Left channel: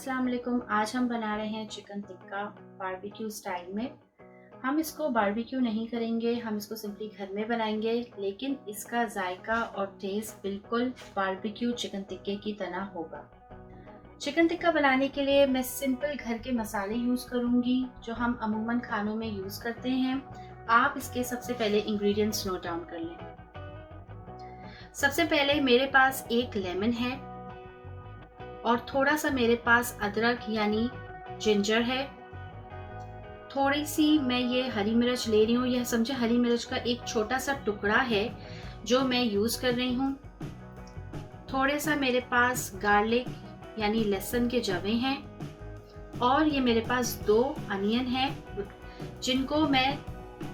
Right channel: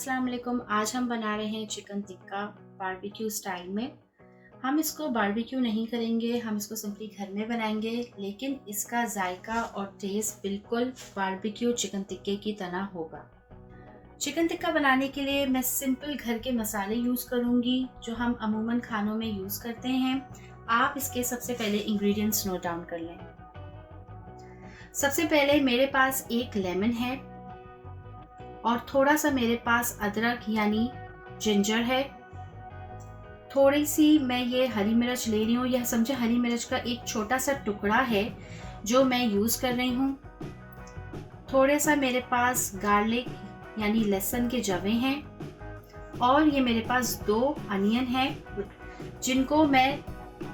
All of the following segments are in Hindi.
अस्सलाम वालेकुम। आज हम बना रहे हैं चिकन टिक्का बारबेक्यू स्टाइल में। हम इसको बारबेक्यू नहीं करेंगे, हम इसको सिंपली घर में बनाएंगे, लेकिन इसका जायका और टेस्ट बिल्कुल बारबेक्यू चिकन टिक्के की तरह होगा। चिकन टिक्का बनाने के लिए मैं सिंपल घर के मसाले यूज़ करूँगी जो हम अमूमन खानों में यूज़ करते हैं। आप इसके सबसे पहले इंग्रेडिएंट्स नोट डाउन कर लें। सबसे पहले मेरे पास एक लेमन है और थोड़ा सा मेरे पास अदरक यानी जिंजर है। थोड़ी सी मैं ये हरी मिर्च ले रही हूँ, यह समझे हरी मिर्च का एक छोटा सा टुकड़ा है जो मैं यूज़ कर रही हूँ। थोड़े सा मेरे पास गार्लिक यानी लहसुन के जवे हैं और ये मेरे पास 2 अनियन हैं जिनको मैं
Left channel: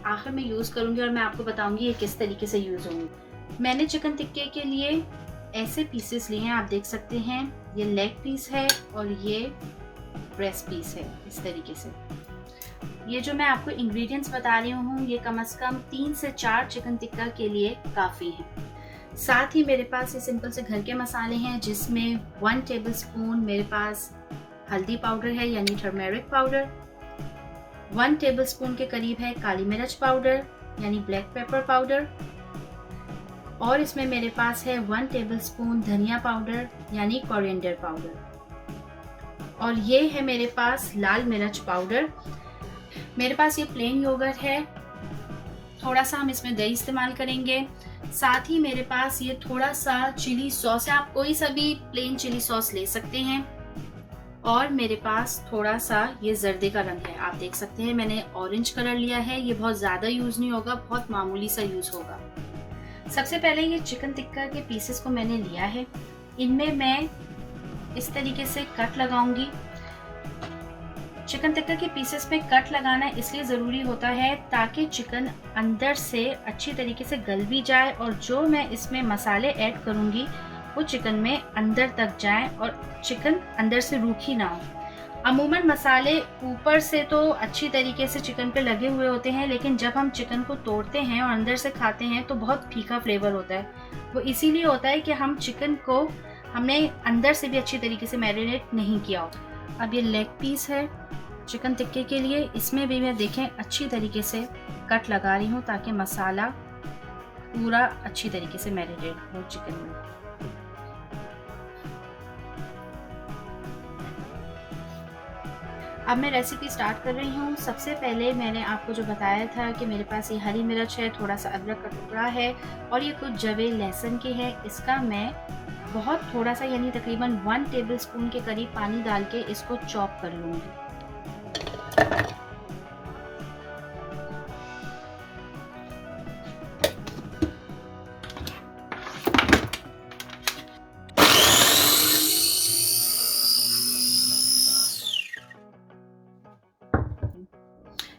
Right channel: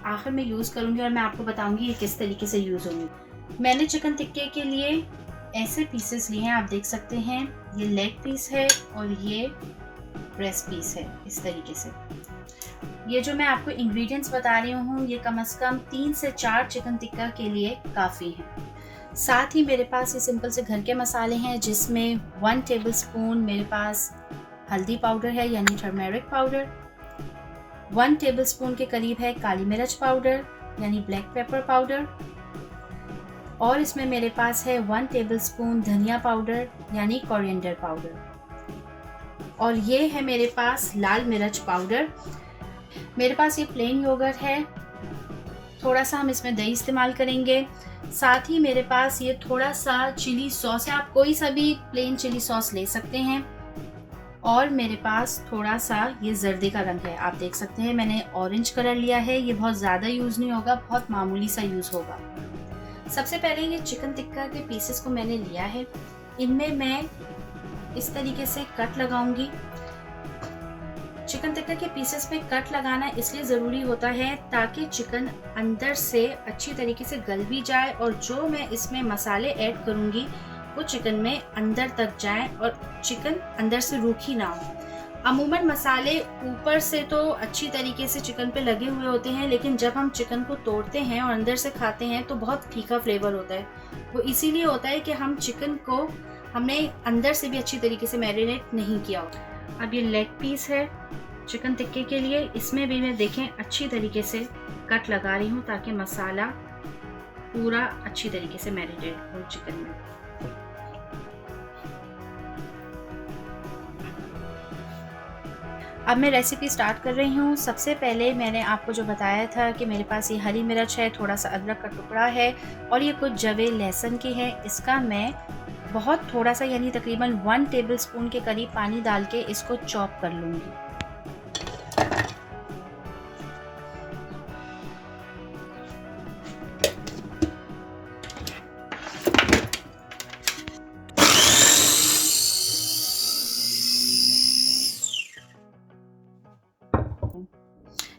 आखिर में यूज़ करूँगी और मैं आपको बताऊँगी ये किस तरीके से यूज़ होंगी। मैंने चिकन टिक्के के लिए ऐसे पीसेस लिए हैं, आप देख सकते हैं ये लेग पीस है और ये ब्रेस्ट पीस है। इस तरीके से ये जो मैं आपको इंग्रेडिएंट्स बता रही हूँ ये कम से कम 3 से 4 चिकन टिक्का के लिए काफ़ी है। साथ ही मेरे पास ये सिंपल से घर के मसाले हैं जिसमें 1 टेबलस्पून मेरे पास हल्दी पाउडर है यानी टर्मेरिक पाउडर, 1 टेबलस्पून के करीब है काली मिर्च पाउडर यानी ब्लैक पेपर पाउडर, और इसमें मेरे पास है 1 टेबलस्पून धनिया पाउडर यानी कोरिएंडर पाउडर, और ये है मेरे पास लाल मिर्च पाउडर। मेरे पास ये प्लेन योगर्ट है, थोड़ा सा हम इसमें दही इस्तेमाल करेंगे। साथ ही मेरे पास ये थोड़ा सा चिली सॉस है, आप कोई सा भी प्लेन चिली सॉस ले सकते हैं, और मेरे पास थोड़ा सा ये जर्दे का रंग है। आप देख सकते हैं मैंने ऑरेंज कलर लिया है, ये बहुत ज़्यादा यूज़ नहीं होगा, बहुत मामूली सा यूज़ होगा। सबसे पहले ये चिकन टिक्का के पीसेस को मैंने लिया है, इनमें मैं इस तरीके से कट लगाऊंगी। चिकन टिक्का के पीसेस में कट लगाना इसलिए ज़रूरी होता है ताकि चिकन अंदर से अच्छी तरीके से गल भी जाए और जो मैं इसमें मसाले ऐड करूंगी वो चिकन में अंदर तक जाए और चिकन अंदर से रूखी ना हो। अमूमन मसाले ऊपर से तो अच्छी तरीके से चिकन पे लगे हुए होते हैं, लेकिन जब हम चिकन को तोड़ते हैं और अंदर से खाते हैं तो बहुत फीका फ्लेवर होता है। वो इसीलिए होता है कि हम चिकन को हमने अंदर से भी अच्छी तरीके से मैरिनेट नहीं किया हो। अब ये लेग पीस है चिकन टिक्के के लिए, इसमें भी मैं देखें अच्छी तरीके से कट लगा रही हूँ ताकि मसाला पूरा अच्छी तरीके से मैरिनेट हो चिकन में। अब मैं रेसिपी स्टार्ट कर रही हूँ। सबसे पहले मैंने आपको जो बताया था कि मेरे पास ये हरी मिर्च है, थोड़ा सा अदरक का टुकड़ा है और ये कुछ जवे लहसुन की है। इसका मैं बहुत थोड़ा सा यानी तकरीबन 1 टेबलस्पून के करीब पानी डाल के इसको चॉप कर लूँगी।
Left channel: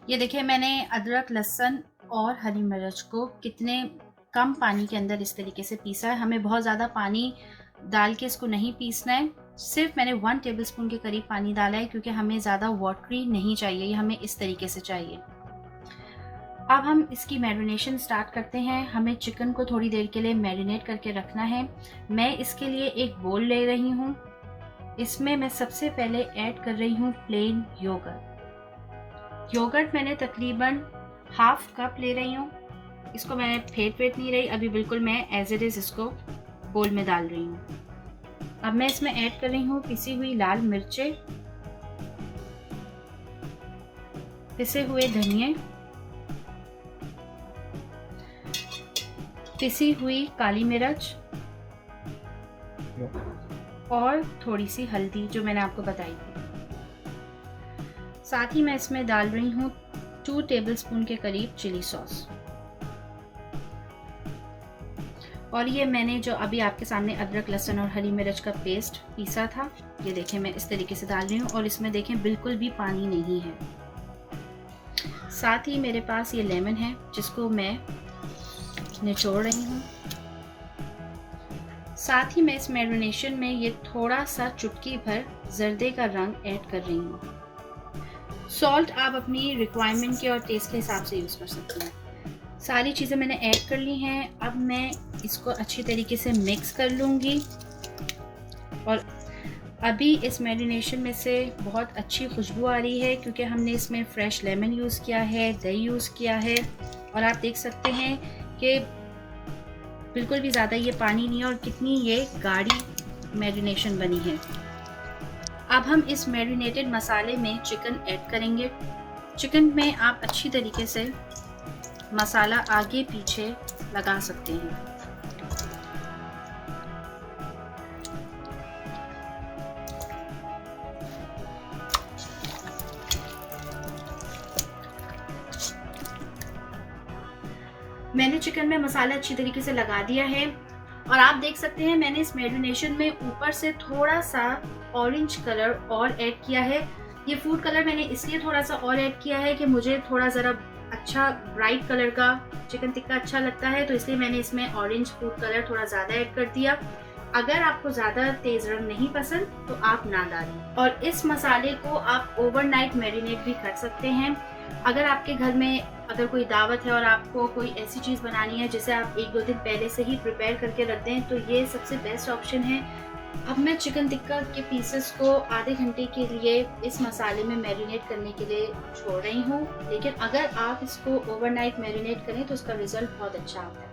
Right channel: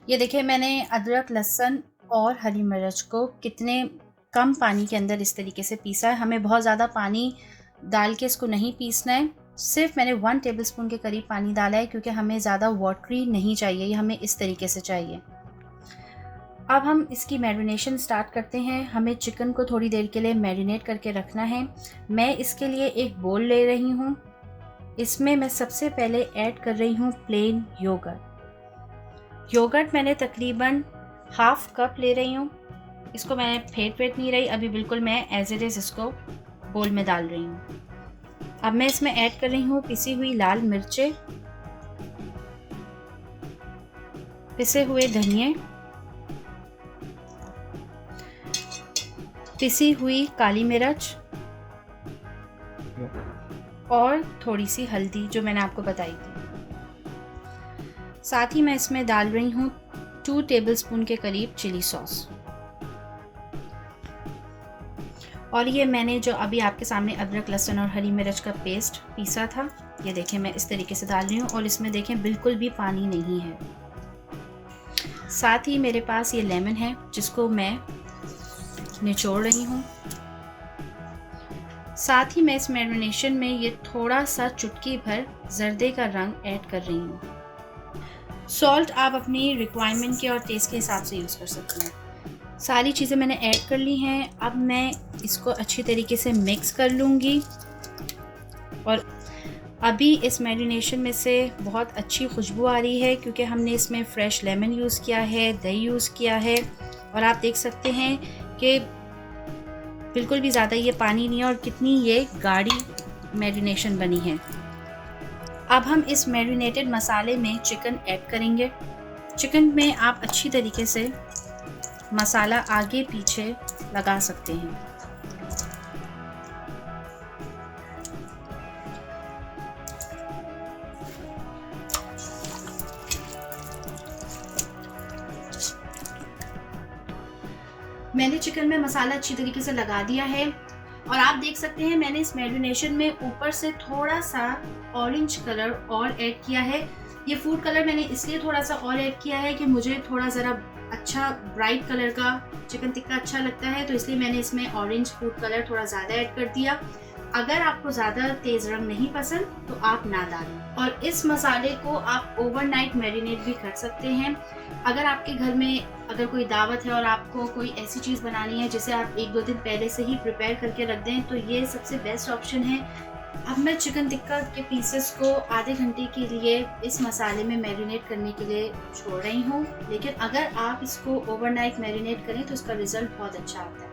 ये देखिए मैंने अदरक लहसुन और हरी मिर्च को कितने कम पानी के अंदर इस तरीके से पीसा है। हमें बहुत ज़्यादा पानी डाल के इसको नहीं पीसना है, सिर्फ मैंने 1 टेबलस्पून के करीब पानी डाला है क्योंकि हमें ज़्यादा वाटरी नहीं चाहिए, ये हमें इस तरीके से चाहिए। अब हम इसकी मैरिनेशन स्टार्ट करते हैं। हमें चिकन को थोड़ी देर के लिए मैरिनेट करके रखना है। मैं इसके लिए एक बोल ले रही हूँ, इसमें मैं सबसे पहले ऐड कर रही हूँ प्लेन योगर्ट मैंने तकरीबन ½ कप ले रही हूँ। इसको मैंने फेंट नहीं रही, अभी बिल्कुल मैं एज इट इज़ इसको बोल में डाल रही हूँ। अब मैं इसमें ऐड कर रही हूँ पिसी हुई लाल मिर्चें, पिसे हुए धनिए, पिसी हुई काली मिर्च और थोड़ी सी हल्दी जो मैंने आपको बताई थी। साथ ही मैं इसमें डाल रही हूँ 2 टेबलस्पून के करीब चिली सॉस, और ये मैंने जो अभी आपके सामने अदरक लहसुन और हरी मिर्च का पेस्ट पीसा था, ये देखें मैं इस तरीके से डाल रही हूँ और इसमें देखें बिल्कुल भी पानी नहीं है। साथ ही मेरे पास ये लेमन है जिसको मैं निचोड़ रही हूँ। साथ ही मैं इस मैरिनेशन में ये थोड़ा सा चुटकी भर जर्दे का रंग ऐड कर रही हूँ। सॉल्ट आप अपनी रिक्वायरमेंट के और टेस्ट के हिसाब से यूज़ कर सकते हैं। सारी चीज़ें मैंने ऐड कर ली हैं। अब मैं इसको अच्छी तरीके से मिक्स कर लूँगी और अभी इस मैरिनेशन में से बहुत अच्छी खुशबू आ रही है क्योंकि हमने इसमें फ्रेश लेमन यूज़ किया है, दही यूज़ किया है और आप देख सकते हैं कि बिल्कुल भी ज़्यादा ये पानी नहीं है और कितनी ये गाढ़ी मैरिनेशन बनी है। अब हम इस मैरिनेटेड मसाले में चिकन ऐड करेंगे। चिकन में आप अच्छी तरीके से मसाला आगे पीछे लगा सकते हैं। मैंने चिकन में मसाला अच्छी तरीके से लगा दिया है और आप देख सकते हैं मैंने इस मैरिनेशन में ऊपर से थोड़ा सा ऑरेंज कलर और ऐड किया है। ये फूड कलर मैंने इसलिए थोड़ा सा और ऐड किया है कि मुझे थोड़ा ज़रा अच्छा ब्राइट कलर का चिकन टिक्का अच्छा लगता है, तो इसलिए मैंने इसमें ऑरेंज फूड कलर थोड़ा ज़्यादा ऐड कर दिया। अगर आपको ज़्यादा तेज़ रंग नहीं पसंद तो आप ना डालें। और इस मसाले को आप ओवरनाइट मैरिनेट भी कर सकते हैं। अगर आपके घर में अगर कोई दावत है और आपको कोई ऐसी चीज़ बनानी है जिसे आप 1-2 दिन पहले से ही प्रिपेयर करके रख दें तो ये सबसे बेस्ट ऑप्शन है। अब मैं चिकन टिक्का के पीसेस को आधे घंटे के लिए इस मसाले में मैरिनेट करने के लिए छोड़ रही हूँ, लेकिन अगर आप इसको ओवरनाइट मैरिनेट करें तो उसका रिजल्ट बहुत अच्छा आता है।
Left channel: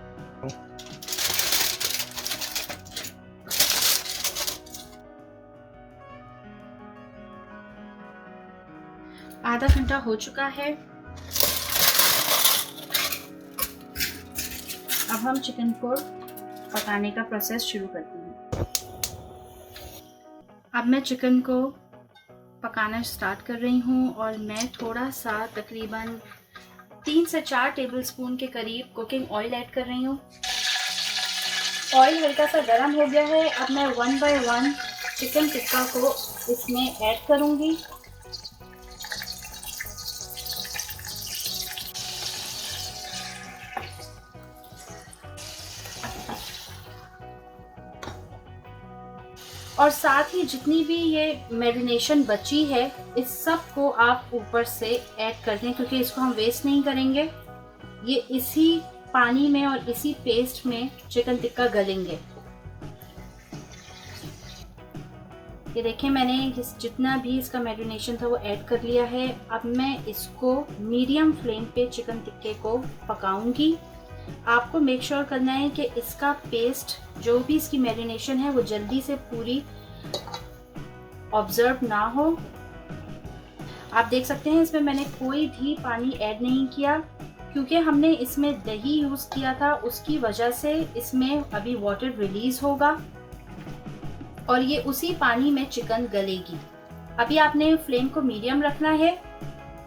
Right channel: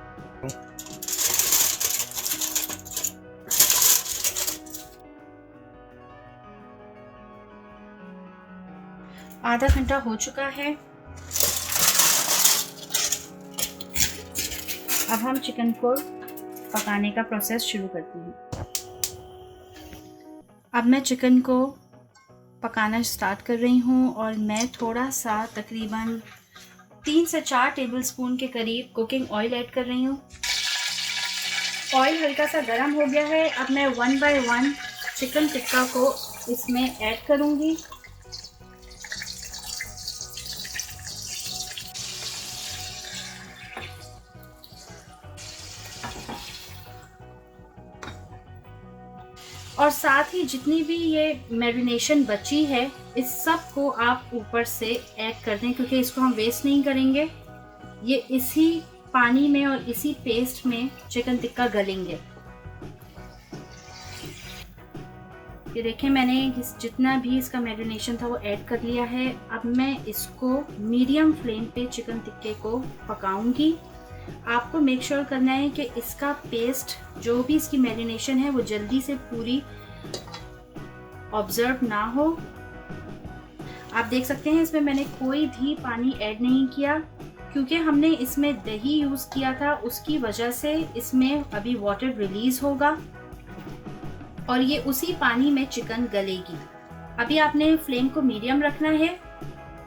आधा घंटा हो चुका है। अब हम चिकन को पकाने का प्रोसेस शुरू करते हैं। अब मैं चिकन को पकाना स्टार्ट कर रही हूँ और मैं थोड़ा सा तकरीबन 3 से 4 टेबलस्पून के करीब कुकिंग ऑयल ऐड कर रही हूँ। ऑयल हल्का सा गर्म हो गया है। अब मैं 1 बाय 1 चिकन टिक्का को इसमें ऐड करूँगी। और साथ ही जितनी भी ये मैरिनेशन बची है इस सब को आप ऊपर से ऐड कर दें क्योंकि इसको हम वेस्ट नहीं करेंगे। ये इसी पानी में और इसी पेस्ट में चिकन टिक्का गलेंगे। ये देखें मैंने जितना भी इसका मैरिनेशन था वो ऐड कर लिया है। अब मैं इसको मीडियम फ्लेम पे चिकन टिक्के को पकाऊंगी। आपको मेक श्योर करना है कि इसका पेस्ट जो भी इसकी मैरिनेशन है वो जल्दी से पूरी ऑब्जर्व ना हो। आप देख सकते हैं इसमें मैंने कोई भी पानी ऐड नहीं किया क्योंकि हमने इसमें दही यूज़ किया था, उसकी वजह से इसमें अभी वाटर रिलीज होगा और ये उसी पानी में चिकन गलेगी। अभी आपने फ्लेम को मीडियम रखना है।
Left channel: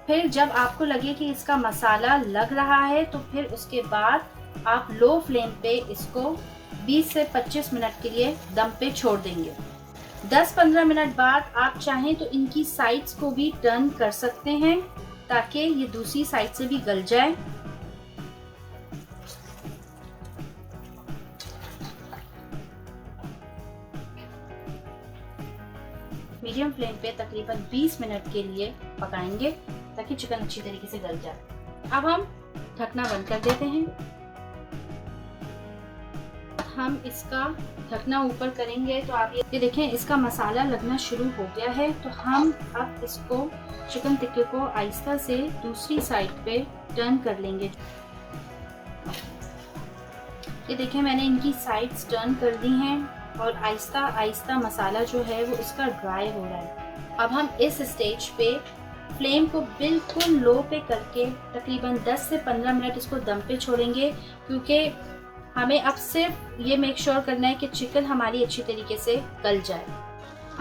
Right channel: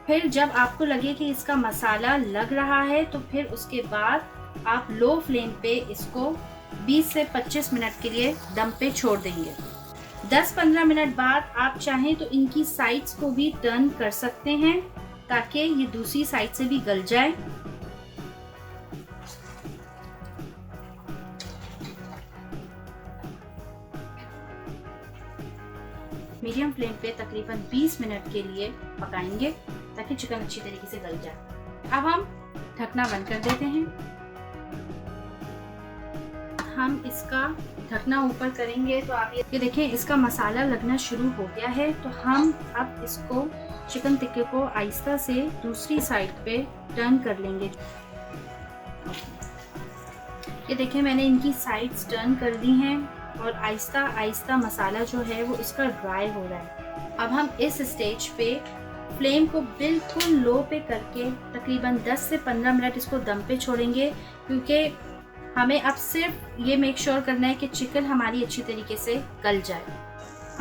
फिर जब आपको लगे कि इसका मसाला लग रहा है तो फिर उसके बाद आप लो फ्लेम पे इसको 20 से 25 मिनट के लिए दम पे छोड़ देंगे। 10-15 मिनट बाद आप चाहें तो इनकी साइड्स को भी टर्न कर सकते हैं ताकि ये दूसरी साइड से भी गल जाए। मीडियम फ्लेम पे तकरीबन 20 मिनट के लिए पकाएंगे ताकि चिकन अच्छी तरीके से गल जाए। अब हम ढकना बंद कर देते हैं। हम इसका ढकना ऊपर करेंगे तो आप ये देखें इसका मसाला लगना शुरू हो गया है। तो हम अब इसको चिकन टिक्के को आहिस्ता से दूसरी साइड पे टर्न कर लेंगे। ये देखें मैंने इनकी साइड्स टर्न कर दी हैं और आहिस्ता आहिस्ता मसाला जो है वो इसका ड्राई हो रहा है। अब हम इस स्टेज पे फ्लेम को बिल्कुल लो पे करके तकरीबन 10 से 15 मिनट इसको दम पे छोड़ेंगे क्योंकि हमें अब सिर्फ ये मेक श्योर करना है कि चिकन हमारी अच्छी तरीके से गल जाए।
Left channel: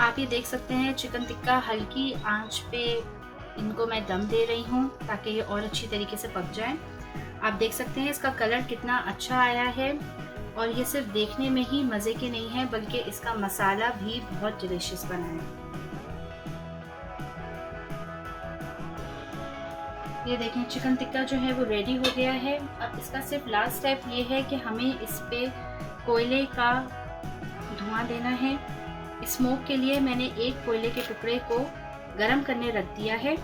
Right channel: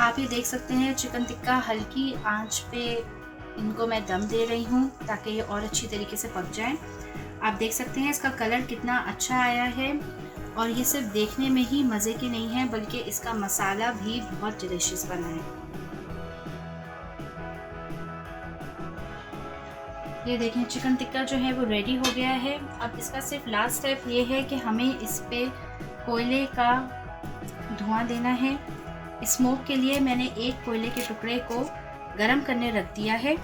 आप ये देख सकते हैं चिकन टिक्का हल्की आंच पे इनको मैं दम दे रही हूँ ताकि ये और अच्छी तरीके से पक जाए। आप देख सकते हैं इसका कलर कितना अच्छा आया है और ये सिर्फ देखने में ही मज़े के नहीं है बल्कि इसका मसाला भी बहुत डिलीशियस बना है। ये देखें चिकन टिक्का जो है वो रेडी हो गया है। अब इसका सिर्फ लास्ट स्टेप ये है कि हमें इस पे कोयले का धुआं देना है। स्मोक के लिए मैंने एक कोयले के टुकड़े को गरम करने रख दिया है।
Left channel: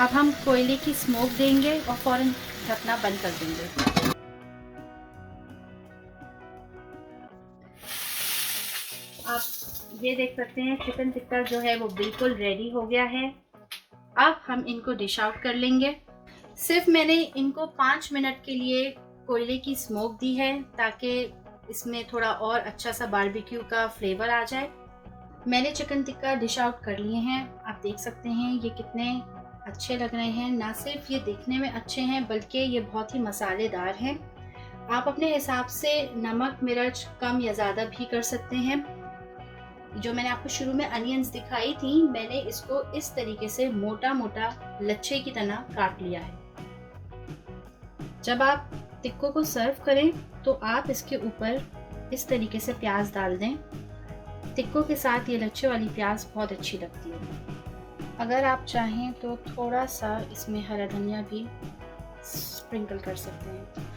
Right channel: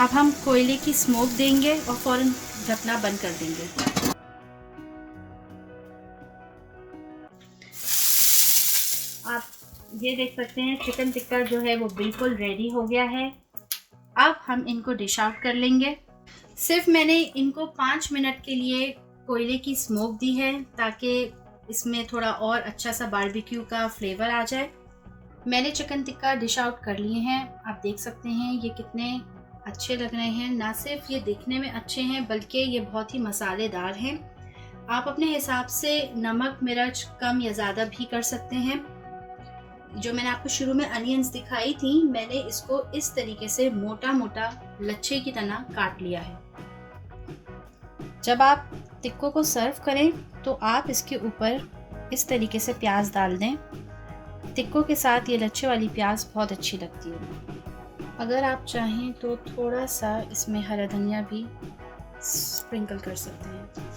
अब हम कोयले की स्मोक देंगे और फौरन ढकना बंद कर देंगे। ये देख सकते हैं चिकन टिक्का जो है वो बिल्कुल रेडी हो गया है। अब हम इनको डिश आउट कर लेंगे। सिर्फ मैंने इनको 5 मिनट के लिए कोयले की स्मोक दी है ताकि इसमें थोड़ा और अच्छा सा बारबेक्यू का फ्लेवर आ जाए। मैंने चिकन टिक्का डिश आउट कर लिए हैं। आप देख सकते हैं ये कितने अच्छे लग रहे हैं। ना सिर्फ ये दिखने में अच्छे हैं बल्कि ये बहुत ही मसालेदार हैं। आप अपने हिसाब से नमक मिर्च कम या ज़्यादा भी कर सकते हैं। जो मैंने आपको शुरू में अनियंस दिखाई थी, मैंने इसको इस तरीके से मोटा मोटा लच्छे की तरह काट लिया है। जब आप टिक्कों को सर्व करें तो आप इसके ऊपर इस तरीके से प्याज डाल दें। टिक्कों के साथ ये लच्छे वाली प्याज बहुत अच्छी लगती है। अगर आप चाहें तो थोड़ा सा इसमें हरा धनिया भी स्प्रिंकल कर सकते हैं।